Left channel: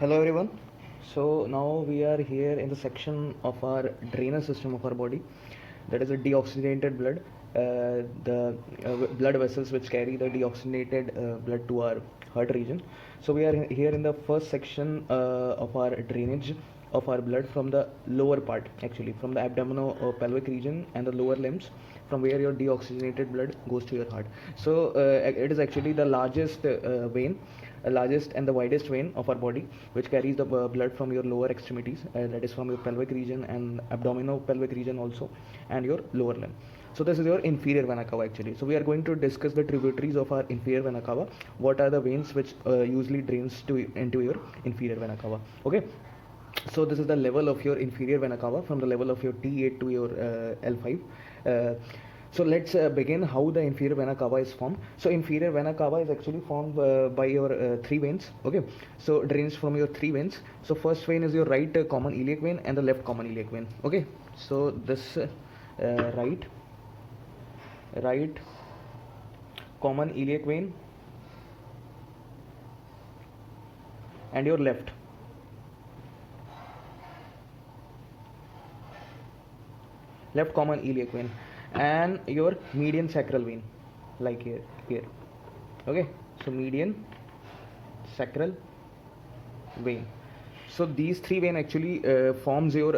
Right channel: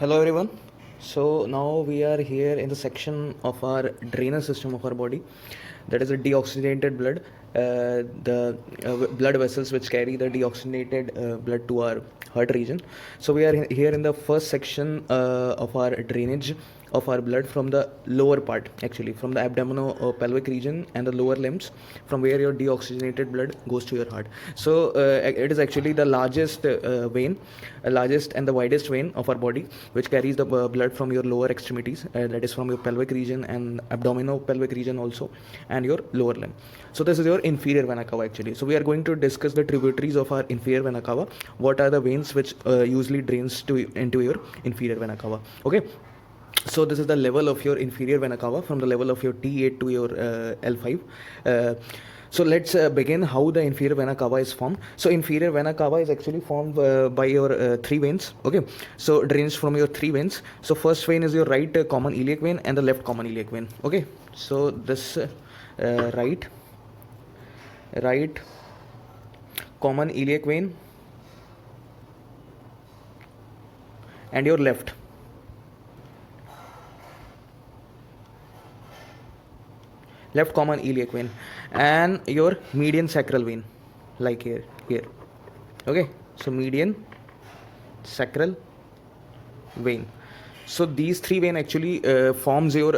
Hello everyone. So now we are here in the section of our drainage system of our body, that is the deoxygenated blood, the blood vessels which carry the deoxygenated blood to our heart region. So we are here in the first section of our drainage of our blood from the lower part, actually from the abdominal pelvic region and the lower limbs, from where your deoxygenated blood goes to your heart. So it is actually the largest vein, largest and the widest vein of our body, which carries the blood from your lower extremities, that is from your pelvic region and abdominal pelvic region also, and your lower limb. So this is your inferior vena cava actually. So we are going to discuss the tributaries of our inferior vena cava. What are the veins which usually drains into your inferior vena cava? Okay. So this is the level of your inferior vena cava, from the level of your T8 to your L5. So let's begin how the inferior vena cava is formed. So inferior vena cava is actually formed by your three veins. Okay, so drains from your three veins. So first vein is your right common iliac vein and the left common iliac vein. Okay, so this right common iliac vein and your left common iliac vein and your median sacral vein, like here. Okay, so median sacral vein. So these three vein actually forms your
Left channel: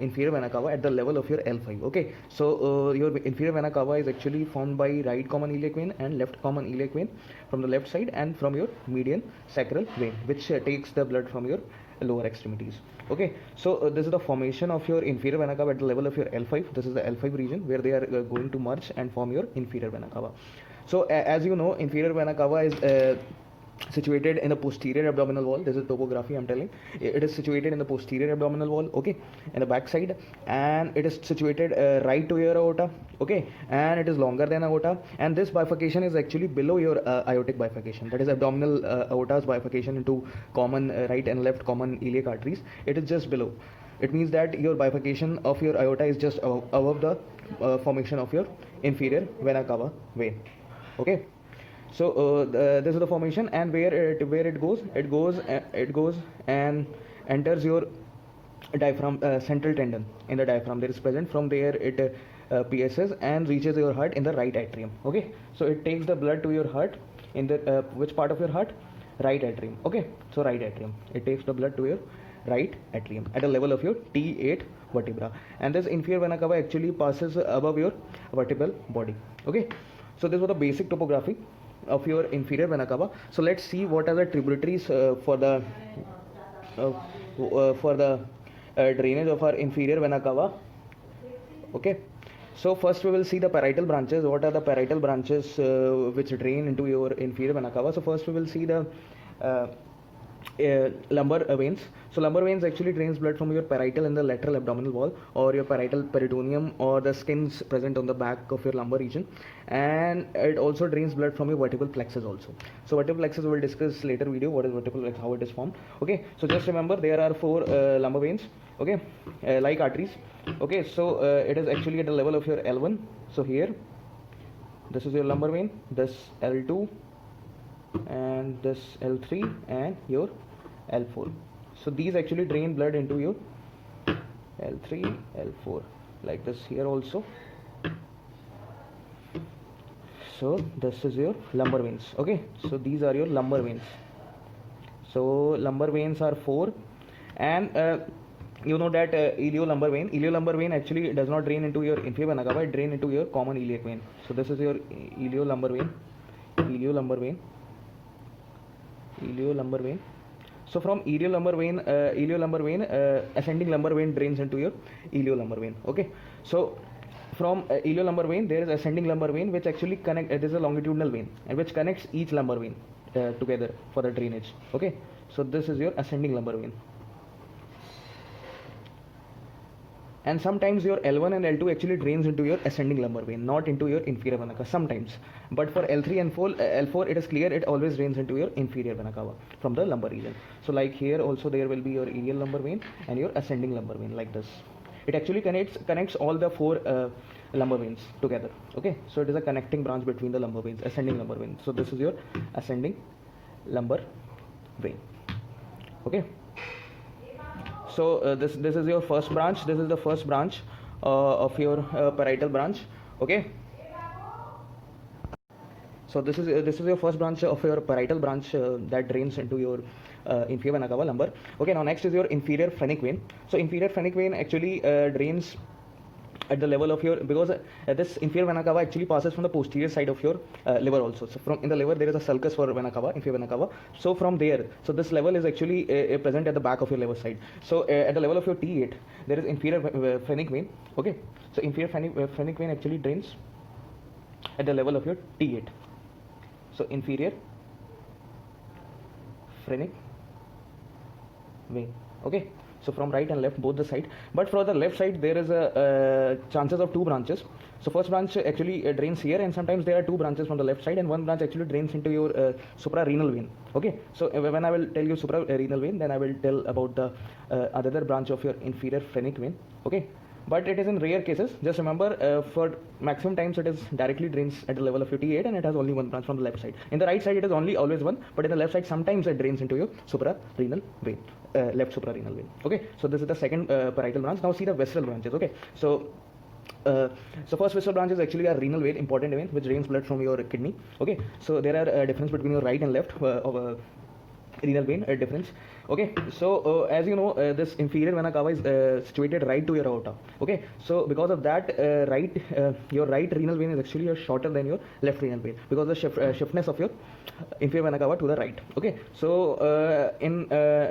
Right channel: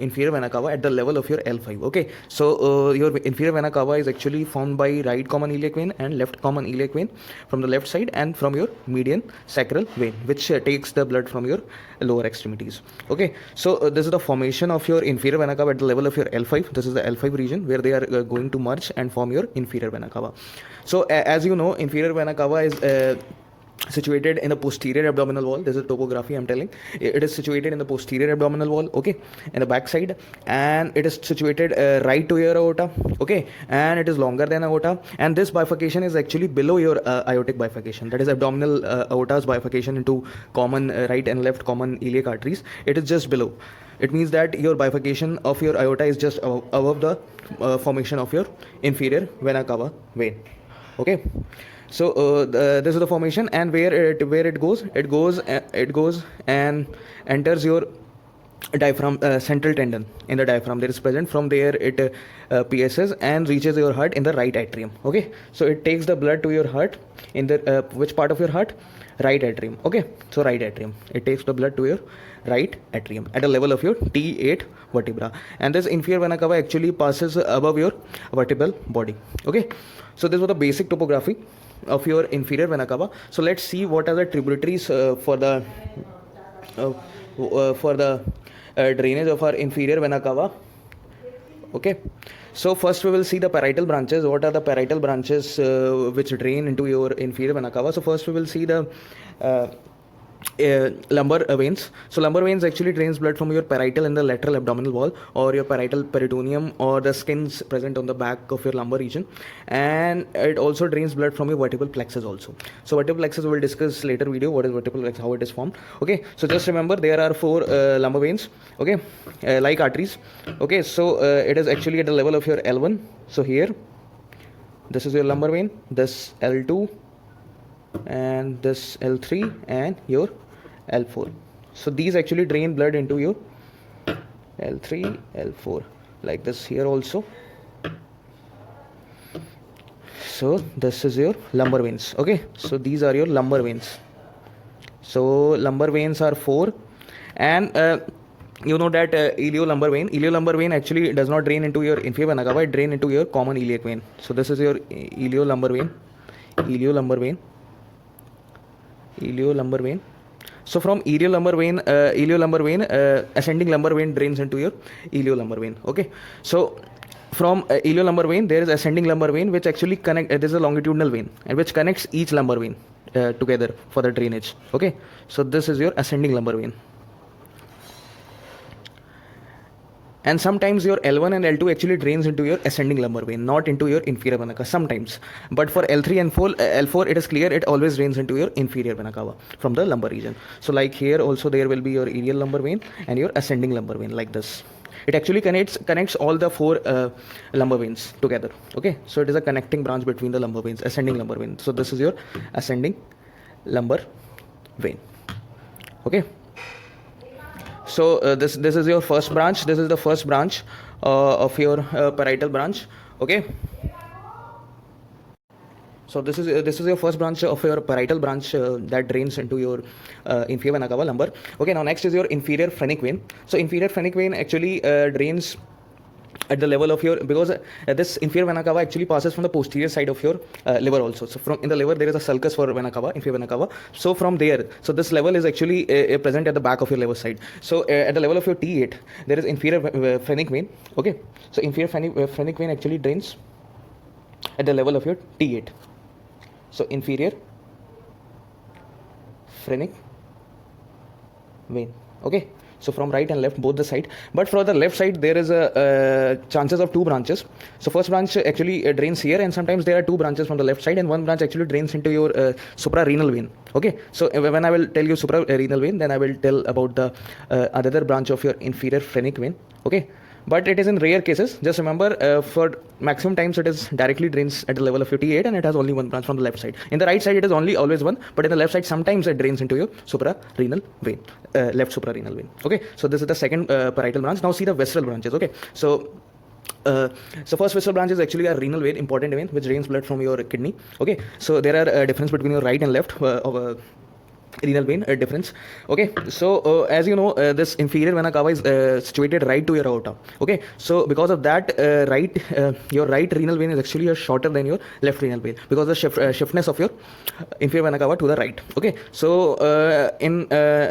inferior vena cava at the level of your L5. Okay, so your inferior vena cava is actually formed by right common iliac vein and left common iliac vein from the left side, and from your median sacral vein, which takes the blood from your lower extremities. Okay, so this is the formation of your inferior vena cava at the level of your L5. This is the L5 region where they are going to merge and form your inferior vena cava. So as you know, inferior vena cava is situated in the posterior abdominal wall. This is topography I'm telling. It is situated in the posterior abdominal wall, okay, in the back side, and it is situated right to your aorta, okay, and it is longer than aorta, and this bifurcation is actually below your aortic bifurcation, that is abdominal aorta's bifurcation into common right and left common iliac arteries. It is just below. It means that your bifurcation of your aorta is just above the formation of your inferior vena cava vein. Okay, so this is the formation, and where it goes and enters your diaphragm, central tendon in the diaphragm that is present. From there it pierces and reaches your heart in the right atrium. Okay, so it takes the blood to your heart in the which part of your heart? Right atrium. Okay, so right atrium, it takes the blood to your right atrium at a level of your T8 vertebra, and this inferior vena cava actually passes above your vertebral body. Okay, so this was the basic topography of your inferior vena cava. So let's see what are the tributaries for the drainage of our inferior vena cava. Okay, so first we will see the parietal branches. What are the parietal branches which drain into your inferior vena cava? So first we will see the lumbar veins. So lumbar veins actually drains blood from your parietal and the lateral abdominal wall, or your parietal peritoneum, or the skins present on the back of your lumbar region, and it also drains blood from your vertebral plexus also. So vertebral plexus we will discuss later video, what is vertebral plexus, how it is formed. Okay, so just remember there are four lumbar veins, okay, like arteries. Okay, so it is actually at the level of your L1. So here this is your lumbar vein, this L2, and this L3, and your L4. So these actually drain blood into your L3, L4, like this here also. So this is your lumbar veins. Okay, so these are your lumbar veins. So lumbar veins are four, and you know that iliolumbar vein actually does not drain into your inferior vena cava, it drain into your common iliac vein. So this is your iliolumbar vein. So from iliolumbar vein, ascending lumbar vein drains into your iliolumbar vein. Okay, so from iliolumbar vein there is ascending lumbar vein which actually this is a longitudinal vein, and which connects each lumbar vein together for the drainage. Okay, so this is your ascending lumbar vein. And sometimes your L1 and L2 actually drains into your ascending lumbar vein, not into your inferior vena cava sometimes. But for L3 and L4, it is clear, it always drains into your inferior vena cava from the lumbar region. So like here also there will be your iliac lumbar vein and your ascending lumbar vein, like this. It actually connects all the four lumbar veins together. Okay, so it is a connecting branch between the lumbar veins, ascending lumbar vein. So this is your ascending lumbar vein. Okay, So this is your first branch. This is the first branch of your parietal branch. Okay. So this is your first branch of your parietal branch that drains into your inferior vena cava lumbar. Okay, now next is your inferior phrenic vein. So inferior phrenic vein actually drains at the level of your, because this inferior vena cava actually passes from the posterior side of your liver also. So from in the liver there is a sulcus for vena cava, inferior vena cava. So from there, so this level is actually present at the back of your liver side. So at the level of your T8 there is inferior phrenic vein. Okay, so inferior phrenic vein actually drains at the level of your T8. So inferior phrenic vein. Okay, so from right and left both the side, but for the left side there is a chances of two branches. So first branch actually drains here, and sometimes there are two branches from the left side, and one branch actually drains into your suprarenal vein. Okay, so when I will tell you suprarenal vein, then I will tell about the other branch of your inferior phrenic vein. Okay, but it is in rare cases. Just remember, for maximum times it is directly drains at the level of your T8, and it has only one branch from the left side. In the right side it is always one, but in the left side sometimes it drains into your suprarenal vein, left suprarenal vein. Okay, so this is the second parietal branch. Now see the visceral branches. Okay, so first visceral branch is actually a renal vein, important vein, which drains blood from your kidney. Okay, so there are difference between your right and left of renal vein difference. Okay, so as you know, this inferior vena cava is situated right to your aorta. Okay, so because of that, your right renal vein is actually shorter than your left renal vein, because of the shiftness of your inferior vena cava to the right. Okay, so in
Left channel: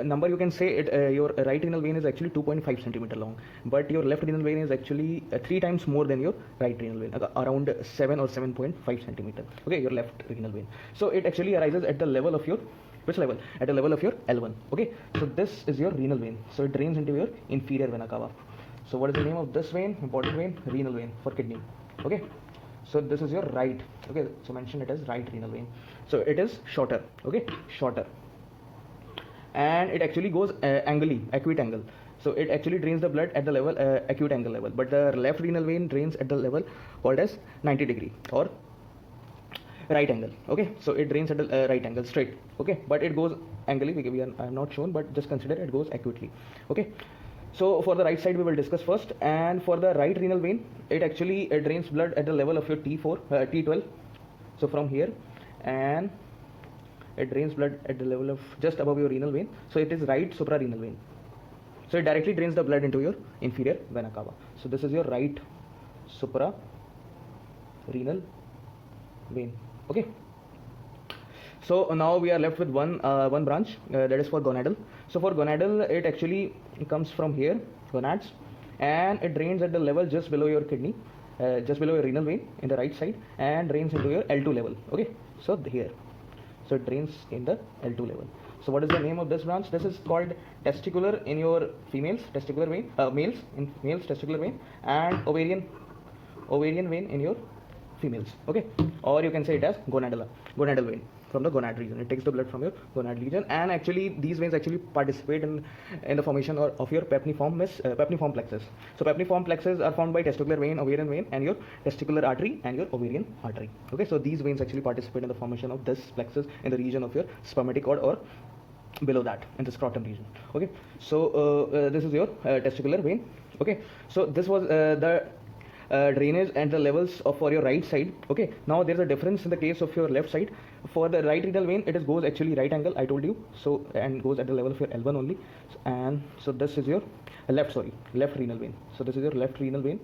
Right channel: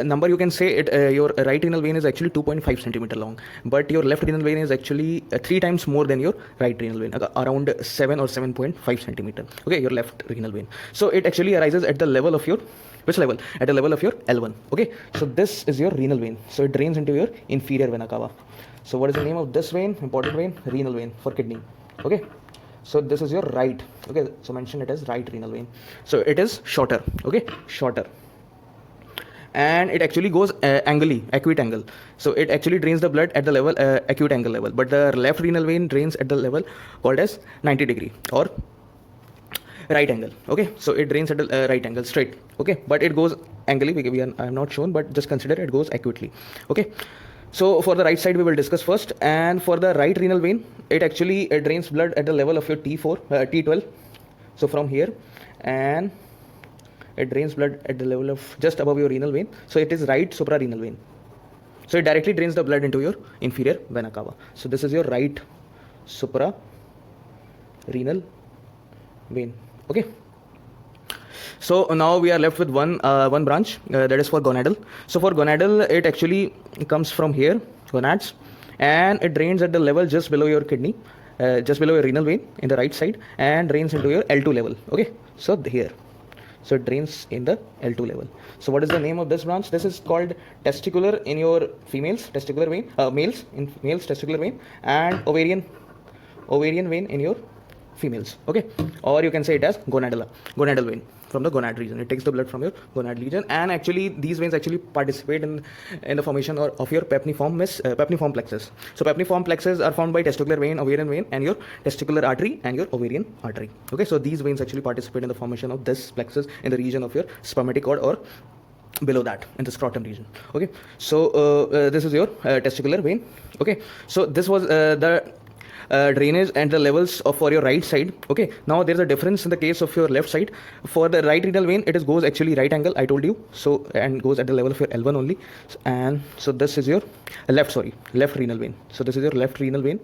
number you can say it, your right renal vein is actually 2.5 centimeter long, but your left renal vein is actually 3 times more than your right renal vein, around 7 or 7.5 centimeter. Okay, your left renal vein. So it actually arises at the level of your, which level? At the level of your L1. Okay, so this is your renal vein. So it drains into your inferior vena cava. So what is the name of this vein? Important vein, renal vein for kidney. Okay, so this is your right. Okay, so mention it as right renal vein. So it is shorter. Okay, shorter, and it actually goes acute angle. So it actually drains the blood at the level acute angle level, but the left renal vein drains at the level called as 90 degree or right angle. Okay, so it drains at a right angle straight. Okay, but it goes angly. I am not shown, but just consider it goes acutely. Okay, so for the right side we will discuss first, and for the right renal vein, it actually drains blood at the level of your T4 T12. So from here, and it drains blood at the level of just above your renal vein. So it is right suprarenal vein. So it directly drains the blood into your inferior vena cava. So this is your right suprarenal vein. Okay, so now we are left with one branch that is for gonadal. So for gonadal, it actually comes from here, gonads, and it drains at the level just below your kidney, just below your renal vein in the right side, and drains into your L2 level. Okay, so here, so it drains in the L2 level. So what is the name of this branch? This is called testicular in your females, testicular vein, males in males testicular vein, and ovarian vein in your females. Okay, or you can say it as gonadal vein from the gonad region. It takes the blood from your gonad region, and actually these veins actually participate in the formation of your pepniform plexus. So pepniform plexus are formed by testicular vein, ovarian vein, and your testicular artery and your ovarian artery. Okay, so these veins actually participate in the formation of this plexus in the region of your spermatic cord or below that in the scrotum region. Okay, so this is your testicular vein. Okay, so this was the drainage and the levels for your right side. Okay, now there's a difference in the case of your left side. For the right renal vein, it goes actually right angle, I told you, so, and goes at the level of your L1 only. And so this is your left renal vein. So this is your left renal vein.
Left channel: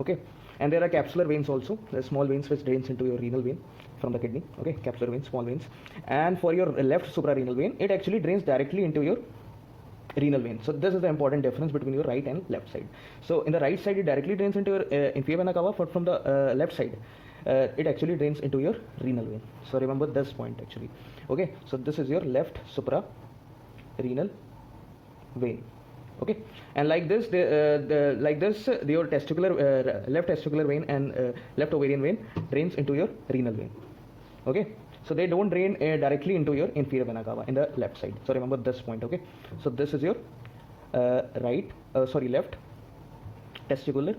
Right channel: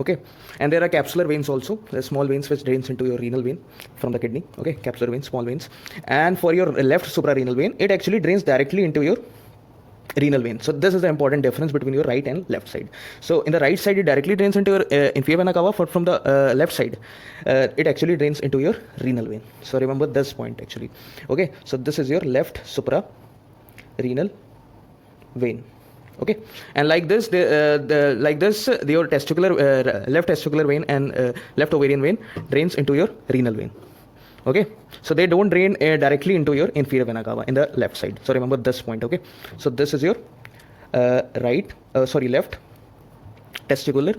Okay, and there are capsular veins also, the small veins which drains into your renal vein from the kidney. Okay, capsular veins, small veins. And for your left suprarenal vein, it actually drains directly into your renal vein. So this is the important difference between your right and left side. So in the right side, it directly drains into your inferior vena cava, but from the left side, it actually drains into your renal vein. So remember this point actually. Okay, so this is your left suprarenal vein. Okay, and like this, your testicular left testicular vein and left ovarian vein drains into your renal vein. Okay, so they don't drain directly into your inferior vena cava in the left side. So remember this point. Okay, so this is your left testicular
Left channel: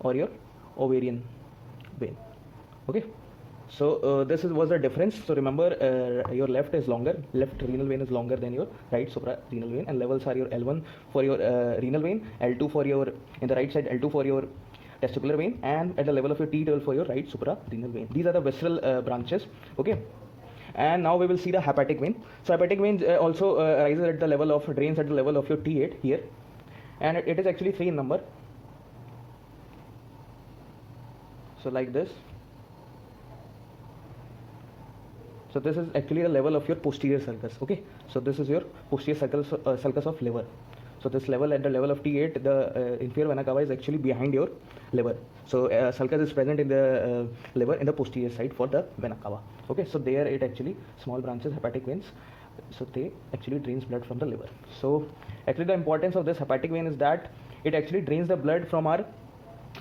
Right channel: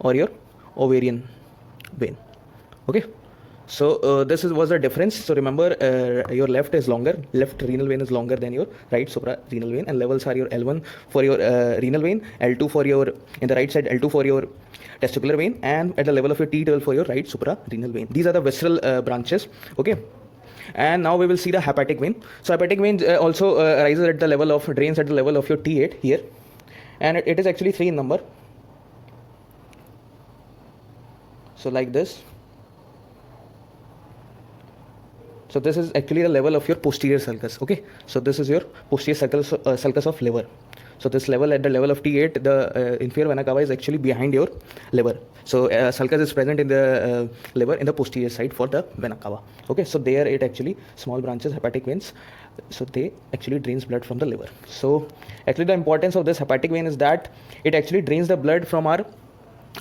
or your ovarian vein. Okay, So this was the difference. So remember, your left is longer, left renal vein is longer than your right suprarenal vein, and levels are your L1 for your renal vein, L2 for your, in the right side, L2 for your testicular vein, and at the level of your T12 for your right suprarenal vein. These are the visceral branches. Okay. And now we will see the hepatic vein. So hepatic vein also rises at the level of, drains at the level of your T8 here, and it is actually 3 in number. So like this. So this is actually the level of your posterior sulcus. Okay, so this is your posterior sulcus of liver. So this level, at the level of T8, the inferior vena cava is actually behind your liver. So sulcus is present in the liver in the posterior side for the vena cava. Okay, so there it actually small branches, hepatic veins. So they actually drains blood from the liver. So actually the importance of this hepatic vein is that it actually drains the blood from our,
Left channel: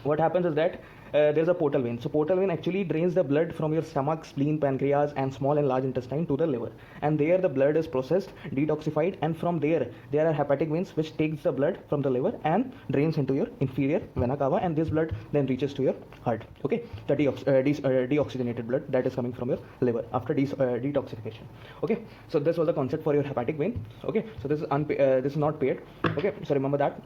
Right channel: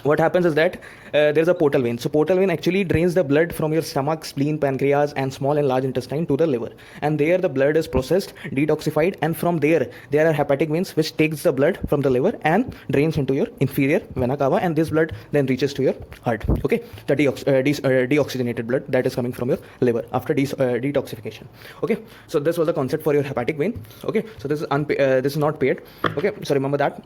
what happens is that there's a portal vein. So portal vein actually drains the blood from your stomach, spleen, pancreas, and small and large intestine to the liver, and there the blood is processed, detoxified, and from there are hepatic veins which takes the blood from the liver and drains into your inferior vena cava, and this blood then reaches to your heart. Okay, the deoxygenated blood that is coming from your liver after detoxification. Okay, so this was the concept for your hepatic vein. Okay, so this is this is not paired. Okay, so remember that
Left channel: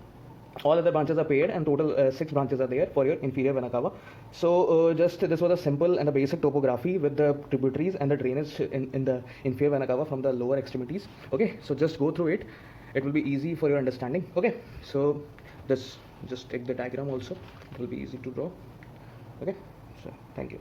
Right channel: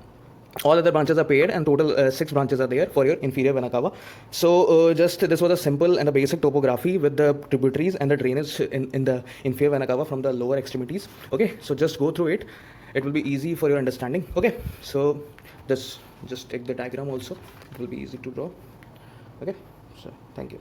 all other branches are paired, and total 6 branches are there for your inferior vena cava. So just this was a simple and a basic topography with the tributaries and the drainage in the inferior vena cava from the lower extremities. Okay, so just go through it, it will be easy for your understanding. Okay, so this, just take the diagram also, it will be easy to draw. Okay, so thank you.